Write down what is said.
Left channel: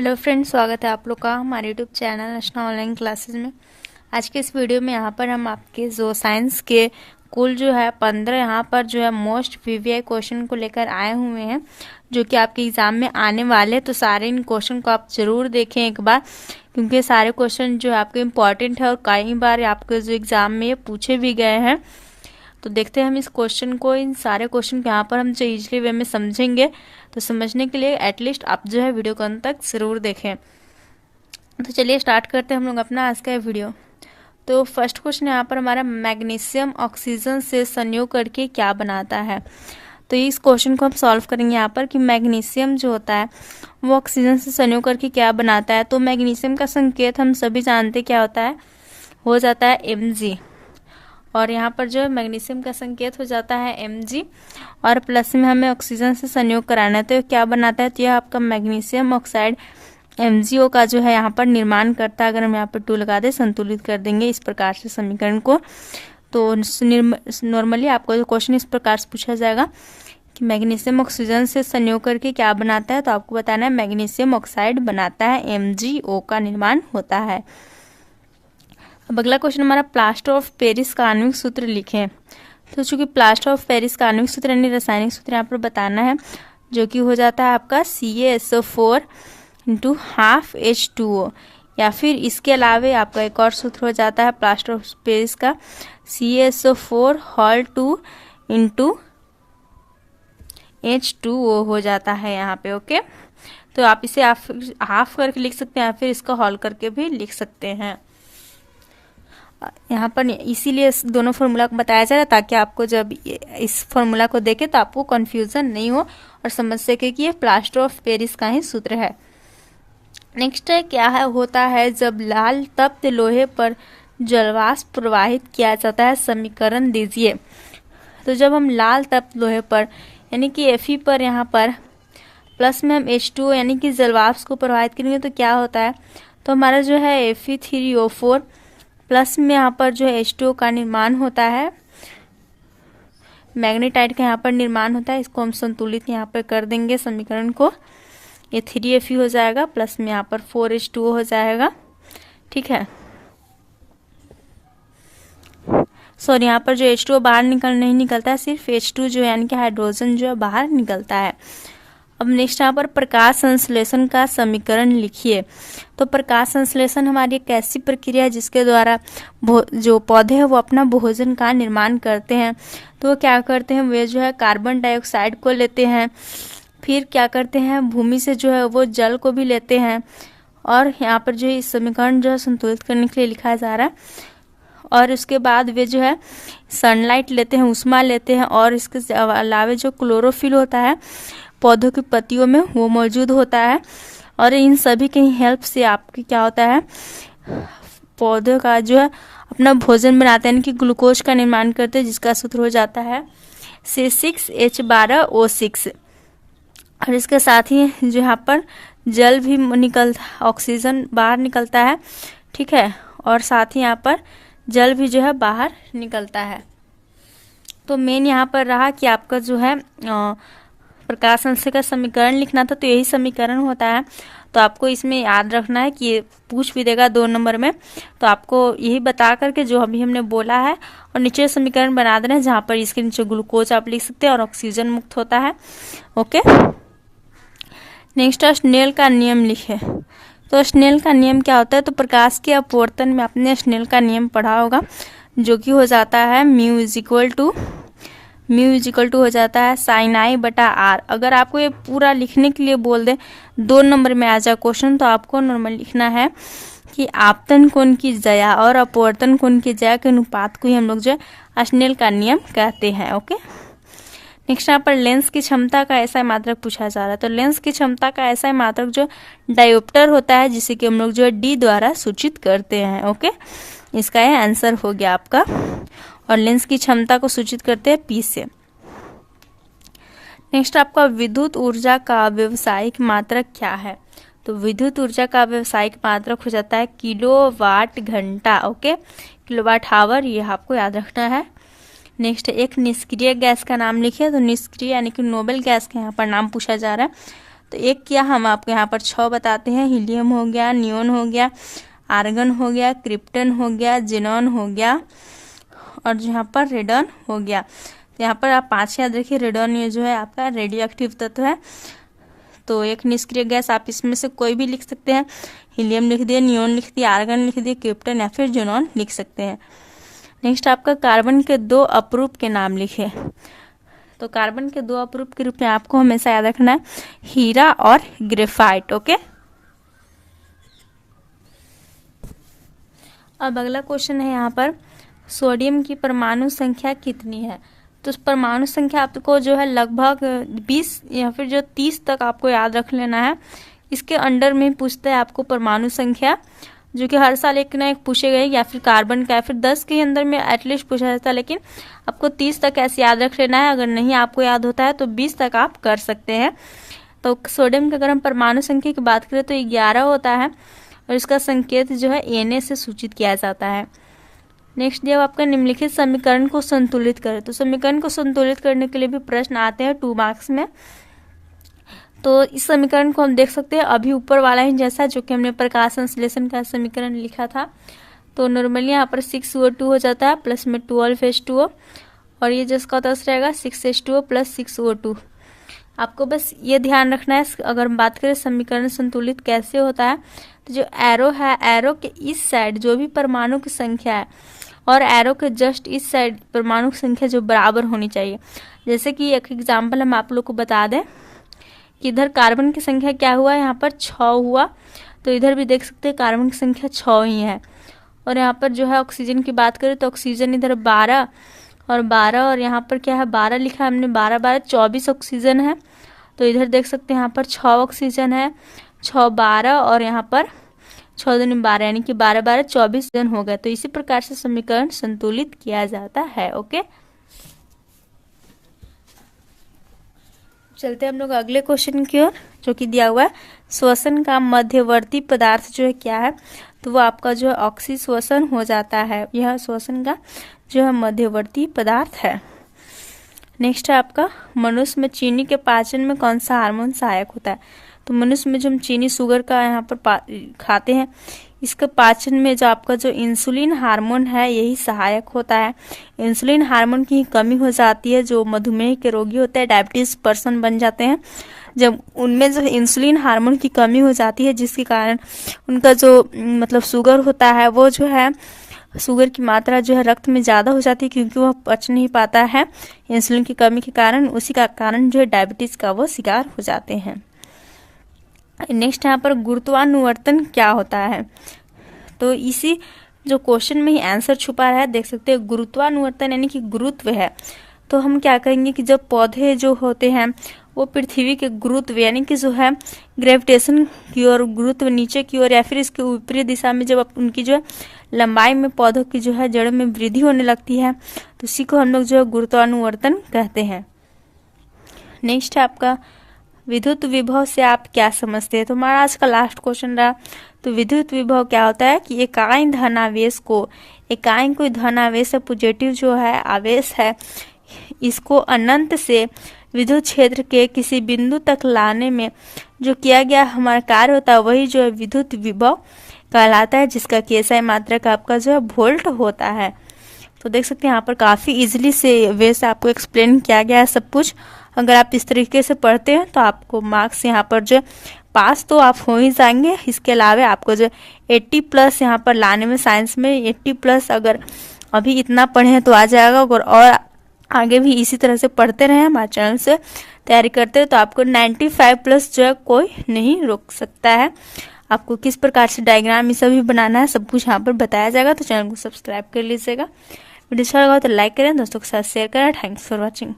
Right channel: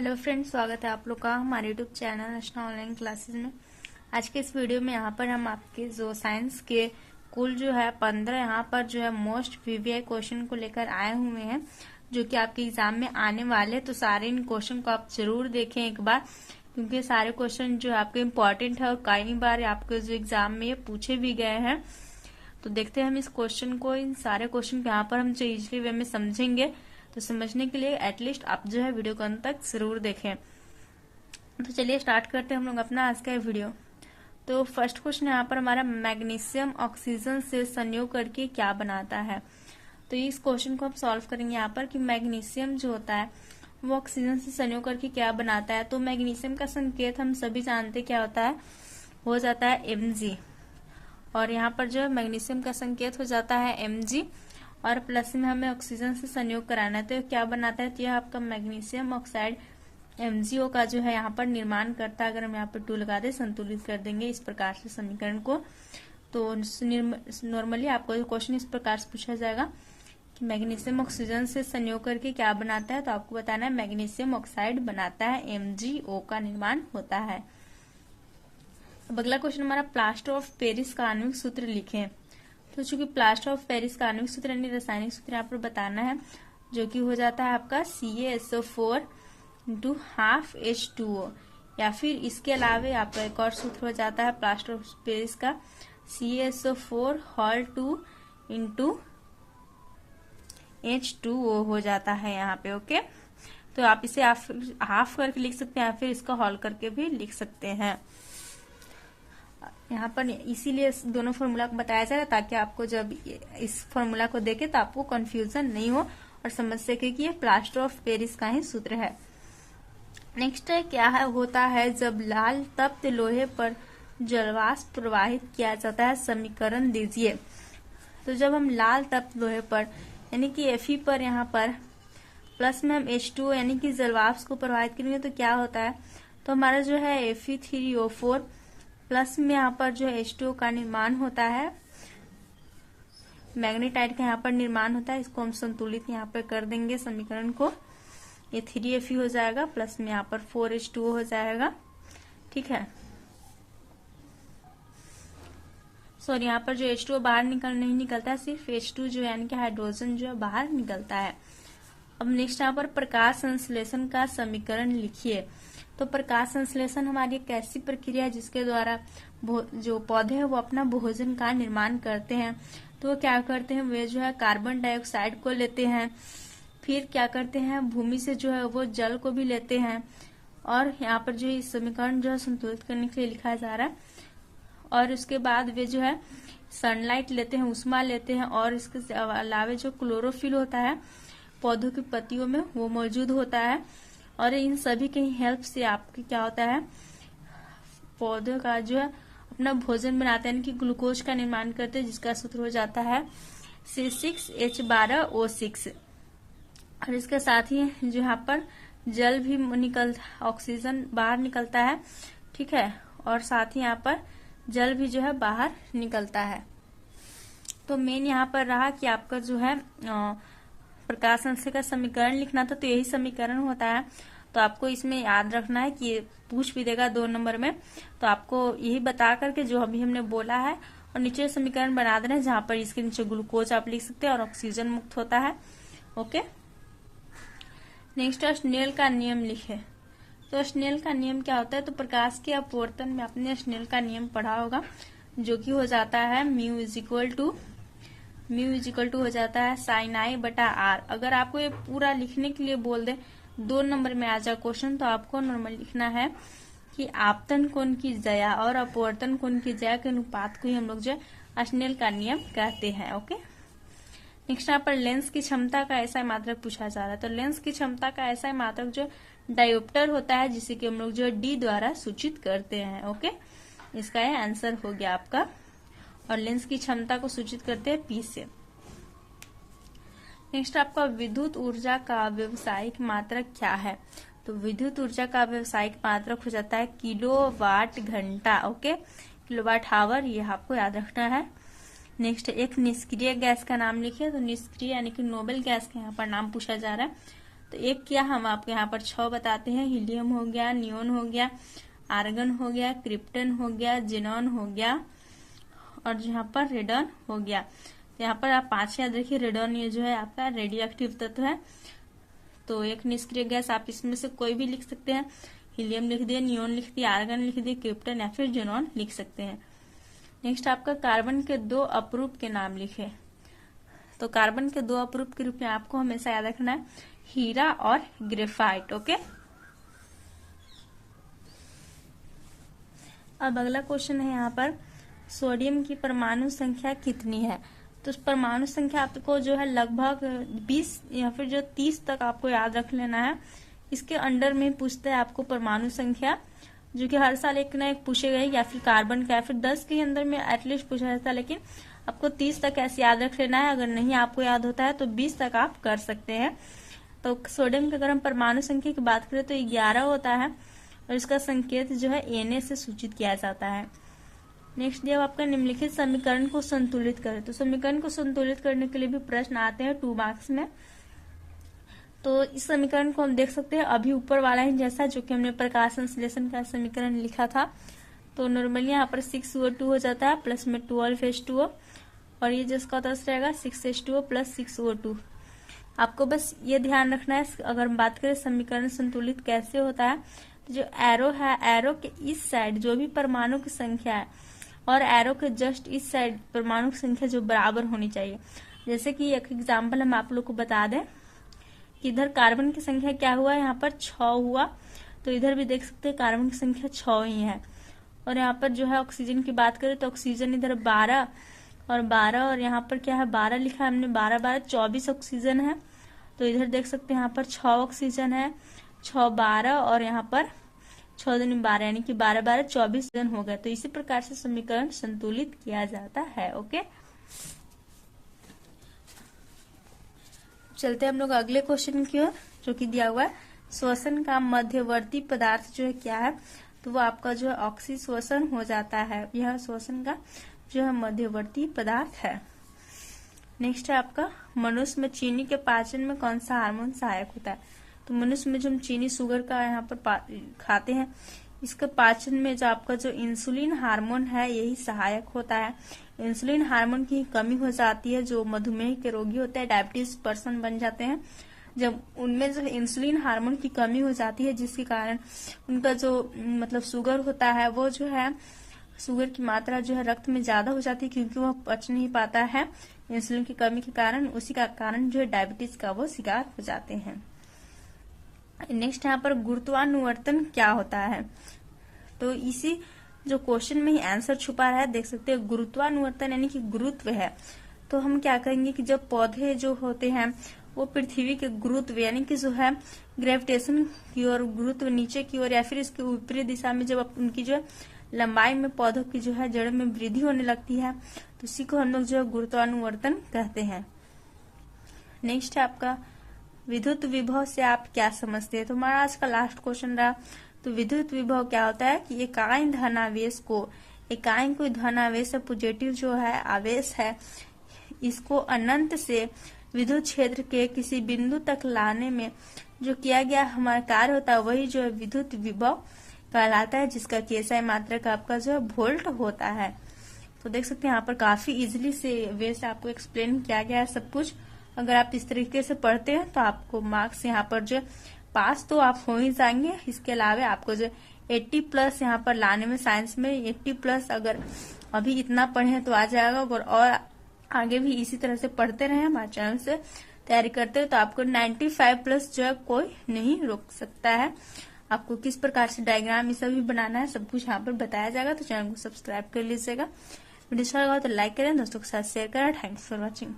Hello friends, स्वागत है आप लोग का हमारे यूट्यूब चैनल रचना ऑनलाइन क्लासेस में। आज के इस वीडियो में यहाँ पर हम आपके जो साइंस के कुल जो है 15 यहाँ पर जो है मोस्ट वीवीआई क्वेश्चन को लेकर आए हुए हैं, जो कि आपके एग्जाम में आने वाले हैं। तो सारे इन क्वेश्चन को आप जरूर देखें एक बार, क्योंकि सारे क्वेश्चन जो है आपके इम्पॉर्टेंट है और कई बार आपके जो एग्जाम में पूछे भी गए हैं। तो देखते हैं हम इस क्वेश्चन को, इन सारे क्वेश्चन को यहाँ पर हम जो इजली वे में समझेंगे। तो समझने के लिए एटलीस्ट आप जो है वीडियो को अंत तक जरूर देखें। तो चलिए स्टार्ट करते हैं हम लोग अपना आज का वीडियो। तो फर्स्ट क्वेश्चन यहाँ पर हमारा, मैग्नीशियम ऑक्सीजन से संयोग करके क्या बनाता है। तो इस क्वेश्चन को हम सॉल्व करेंगे यहाँ पर कि मैग्नीशियम जो होता है वो ऑक्सीजन से संयोग करके क्या बनाता है। तो मैग्नीशियम का संकेत हम सभी जानते क्या होता है, हो जाता है Mg, और यहाँ पर जो है मैग्नीशियम का संकेत हो जाता है Mg, और प्लस में हमें ऑक्सीजन से संयोग कराना है। तो क्या बनाता है, तो यह आपका मैग्नीशियम ऑक्साइड MgO का जो है यहाँ पर निर्माण करता है। अगर हम यहाँ पर 2 लगा दे, संतुलित कर देंगे इस प्रकार से समीकरण को। तो नॉर्मली आपको जो क्वेश्चन इस प्रकार से पूछा जाएगा कि मैग्नीशियम ऑक्सीजन से संयोग करके क्या बनाता है, तो आपको बताना है मैग्नीशियम ऑक्साइड बनाता है, MgO का निर्माण होता है। अब अगला क्वेश्चन हमारा, प्लास्टर ऑफ पेरिस का आणविक सूत्र लिखें। तो चूंकि प्लास्टर ऑफ पेरिस का आणविक सूत्र यानी रासायनिक सूत्र यहाँ पर बताना है, जो कि हो जाता है आपका CaSO4 × ½ H2O, या फिर इसके अलावे आपका एक और सूत्र हो जाता है प्लास्टर ऑफ पेरिस का CaSO4 होल 2 × H2O हो जाता है यहाँ पे। ओके, तो आप इसे हाफ करके लिख सकते हैं या फिर इसका होल करके भी लिख सकते हैं। यहाँ पर इसीलिए दोनों फॉर्मूला को बताया जा रहा है, ताकि आपको जब इस फॉर्मूला को देखे तो आपको कंफ्यूजन नहीं हो और समझ सके कि ये प्लास्टर ऑफ पेरिस का ही सूत्र है। नेक्स्ट है, क्या है होता है जब लाल तप्त लोहे पर जलवाष्प प्रवाहित किया जाता है, समीकरण दीजिए। तो जब हम लाल तप्त लोहे पर यानी कि Fe पर यहाँ पर प्लस में हम H2O यानी कि जलवाष्प को प्रवाहित करेंगे तो क्या होता है, तो हमारा जो है Fe3O4 प्लस में यहाँ पर जो है H2O का निर्माण होता है, मैग्नेटाइट का यहाँ पर निर्माण होता है। इसको हम संतुलित यहाँ पर कर देंगे समीकरण को, ये 3Fe हो जाएगा, प्लस में यहाँ पर 4H2O हो जाएगा। ठीक है, सॉरी यहाँ पर जो H2O बाहर नहीं निकलता है, सिर्फ H2 जो है यानी कि हाइड्रोजन जो है बाहर निकलता है। अब नेक्स्ट यहाँ पर, प्रकाश संश्लेषण का समीकरण लिखिए। तो प्रकाश संश्लेषण हमारी एक ऐसी प्रक्रिया है जिसके द्वारा जो पौधे हैं वो अपना भोजन का निर्माण करते हैं। तो वो क्या करते हैं, वे जो है कार्बन डाइऑक्साइड को लेते हैं, फिर क्या करते हैं भूमि से जो है वो जल को भी लेते हैं, और यहाँ पर जो इस समीकरण जो है संतुलित करने के लिए लिखा जा रहा है। और उसके बाद वे जो है सनलाइट लेते हैं, उष्मा लेते हैं, और इसके अलावा जो क्लोरोफिल होता है पौधों की पत्तियों में वो मौजूद होता है। और इन सभी की हेल्प से आपकी क्या होता है, पौधों का जो है अपना भोजन बनाते हैं, यानी कि ग्लूकोज का निर्माण करते हैं, जिसका सूत्र हो जाता है C6H12O6। और इसके साथ ही जो यहाँ पर जल भी ऑक्सीजन बाहर निकलता है। ठीक है, और साथ ही यहाँ पर जल भी जो है बाहर निकलता है। तो मेन यहाँ पर रहा कि आपका जो है प्रकाश संश्लेषण का समीकरण लिखना था, तो यही समीकरण होता है। तो आपको इसमें याद रखना है कि ये पूछ भी देगा 2 नंबर में, तो आपको यही बता करके जो अभी हमने बोला है और नीचे समीकरण बना देना है, जहाँ पर इसके नीचे ग्लूकोज आप लिख सकते हैं और ऑक्सीजन मुक्त होता है। ओके, नेक्स्ट स्नेल का नियम लिखे। तो स्नेल का नियम क्या होता है, तो प्रकाश के अपवर्तन में आपने स्नेल का नियम पढ़ा होगा, जो कि हो जाता है म्यू इजिकल टू हो जाता है sin I/R। अगर आपको ये पूरा लिखने के लिए बोल दे 2 नंबर में आ जाए क्वेश्चन, तो आपको नॉर्मल लिखना है कि आपतन कोण की ज्या और अपवर्तन कोण की ज्या के अनुपात को ही हम लोग जो है स्नेल का नियम कहते हैं। ओके, नेक्स्ट यहाँ पर लेंस की क्षमता का ऐसा मात्रक पूछा जा रहा है। तो लेंस की क्षमता का ऐसा मात्रक जो डायोप्टर होता है, जिसे कि हम लोग जो है D द्वारा सूचित करते हैं। ओके, इसका यह आंसर हो गया आपका, और लेंस की क्षमता को सूचित करते हैं P से। नेक्स्ट आपका, विद्युत ऊर्जा का व्यावसायिक मात्रक क्या है। तो विद्युत ऊर्जा का व्यावसायिक मात्रक हो जाता है किलोवाट घंटा। ओके, किलोवाट आवर, ये आपको याद रखना है। नेक्स्ट, एक निष्क्रिय गैस का नाम लिखिए। तो निष्क्रिय यानी कि नोबेल गैस का यहाँ पर नाम पूछा जा रहा है। तो एक क्या हम आपको यहाँ पर 6 बताते हैं। हीलियम हो गया, नियोन हो गया, आर्गन हो गया, क्रिप्टन हो गया, जेनॉन हो गया और यहाँ पर रेडन हो गया। तो यहाँ पर आप 5 याद रखिए। रेडन ये जो है आपका रेडियो एक्टिव तत्व है। तो एक निष्क्रिय गैस आप इसमें से कोई भी लिख सकते हैं। हीलियम लिख दिए, नियोन लिख दिए, आर्गन लिख दिए, क्रिप्टन या फिर जेनॉन लिख सकते हैं। नेक्स्ट आपका कार्बन के 2 अपरूप के नाम लिखे। तो कार्बन के 2 अपरूप के रूप में आपको हमेशा याद रखना है हीरा और ग्रेफाइट। ओके, अब अगला क्वेश्चन है यहाँ पर सोडियम की परमाणु संख्या कितनी है। तो परमाणु संख्या आपको जो है लगभग 20 या फिर जो 30 तक आपको याद रख लेना है। इसके अंडर में पूछता है आपको परमाणु संख्या, जो कि हर साल एक ना एक पूछे गए, या फिर कार्बन का या फिर 10 के अंदर में एटलीस्ट पूछा जाता है, लेकिन आपको 30 तक ऐसे याद रख लेना है। अगर नहीं आपको याद होता है तो 20 तक आप कर सकते हैं। तो सोडियम की अगर हम परमाणु संख्या की बात करें तो 11 होता है और इसका संकेत जो है Na से सूचित किया जाता है। नेक्स्ट जब आपका निम्नलिखित समीकरण को संतुलित करें। तो समीकरण को संतुलित करने के लिए भी प्रश्न आते हैं 2 मार्क्स में। तो इस समीकरण को हम देख सकते हैं अभी ऊपर वाला ही जैसा जो कि हमने प्रकाश संश्लेषण का समीकरण लिखा था। तो नॉर्मली यहाँ पर 6O2 हो जाता है प्लस में 12H2O और ये जिसका दस रहेगा 6H2O प्लस 6O2। आपको बस ये ध्यान रखना है। अगर हम बात करें समीकरण संतुलित कैसे होता है, तो जो एरो है, एरो के इस साइड जो भी परमाणु की संख्या है और एरो के जस्ट इस साइड परमाणु की संख्या जो बराबर होनी चाहिए। जैसे कि एक एग्जाम्पल हम आप लोग को बता दें कि इधर कार्बन की संख्या क्या हुआ, यहाँ पर 6 हुआ, तो इधर भी देख सकते हैं कार्बन की संख्या 6 ही है। और यहाँ पर जो है ऑक्सीजन की बात करें तो ऑक्सीजन इधर 12 और यहाँ पर क्या है 12 लिखा है हमने, 12 12 24 ऑक्सीजन है। तो इधर देख सकते हैं यहाँ पर 6 ऑक्सीजन है, 6 12 और यहाँ पर 6 दूनी 12 यानी कि 12 12 24 जन हो गए। तो इसी प्रकार से समीकरण संतुलित किया जाता है। ओके, चलते हम लोग अगले क्वेश्चन की ओर, जो कि दिया हुआ है श्वसन का मध्यवर्ती पदार्थ जो है क्या है। तो वो आपका जो है ऑक्सी श्वसन हो जाता है। यह श्वसन का जो है मध्यवर्ती पदार्थ है। नेक्स्ट है आपका मनुष्य में चीनी के पाचन में कौन सा हार्मोन सहायक होता है। तो मनुष्य में जो हम चीनी शुगर का यहाँ पर खाते हैं, इसके पाचन में जो आपका जो इंसुलिन हार्मोन है यही सहायक होता है। इंसुलिन हार्मोन की कमी हो जाती है, जो मधुमेह के रोगी होते हैं, डायबिटीज पर्सन बन जाते हैं, जब उनमें जो इंसुलिन हार्मोन की कमी हो जाती है जिसके कारण उनका जो मतलब शुगर होता है वो जो है शुगर की मात्रा जो है रक्त में ज़्यादा हो जाती है, क्योंकि वह पच नहीं पाता है इंसुलिन की कमी के कारण। उसी का कारण जो है डायबिटीज का वो शिकार हो जाते हैं। नेक्स्ट यहाँ पर गुरुत्वानुवर्तन क्या होता है। तो इसी जो क्वेश्चन में ही आंसर छुपा है, देख सकते हैं गुरुत्वानुवर्तन यानी कि गुरुत्व है। तो हम क्या करेंगे कि जब पौधे जो होते हैं वो पृथ्वी के गुरुत्व यानी कि जो है ग्रेविटेशन की ओर, गुरुत्व नीचे की ओर या फिर इसके ऊपरी दिशा में जब उनकी जो है लंबाई में पौधों की जो है जड़ में वृद्धि होने लगती है, तो इसी को हम लोग जो है गुरुत्वानुवर्तन कहते हैं। नेक्स्ट है आपका विद्युत विभव से आप क्या समझते हैं। तो हमारा आज का लास्ट क्वेश्चन रहा। तो विद्युत विभव क्या होता है कि इकाई धनावेश को, इकाई कोई धनावेश है, पॉजिटिव जो है आवेश है, इसको अनंत से विद्युत क्षेत्र के किसी बिंदु तक लाने में जो किया गया हमारा कार्य होता है वही जो है विद्युत विभव कहलाता है, जिसका केएसआई मात्रक आपका जो है वोल्ट होता है। तो देख सकते हैं यहाँ पर काफ़ी इजीली से वे से आपको एक्सप्लेन किया गया है सब कुछ। अगर आप इस तरीके से पढ़ते हैं तो आपको मार्क्स यहाँ पर जो पास तो आप हो ही जाएंगे। इसके अलावा आपको जो 80+ यहाँ पर लाने में, साइंस में 80+ अगर अभी इतना पढ़े हैं तो आ जाएगा। और आगे भी इसी तरह से पढ़ते रहे, हमारे चैनल से तैयारी करते हैं तो आपको 95+ जो है कोई नहीं रोक सकता है। आपको किस प्रकार से डायग्राम ये सभी बनाना है सब कुछ यहाँ पर बताया जाएगा। तो चैनल को सब्सक्राइब कर लीजिएगा। वीडियो अच्छा लगा तो लाइक करें, दोस्तों के साथ शेयर करें। Thanks for watching.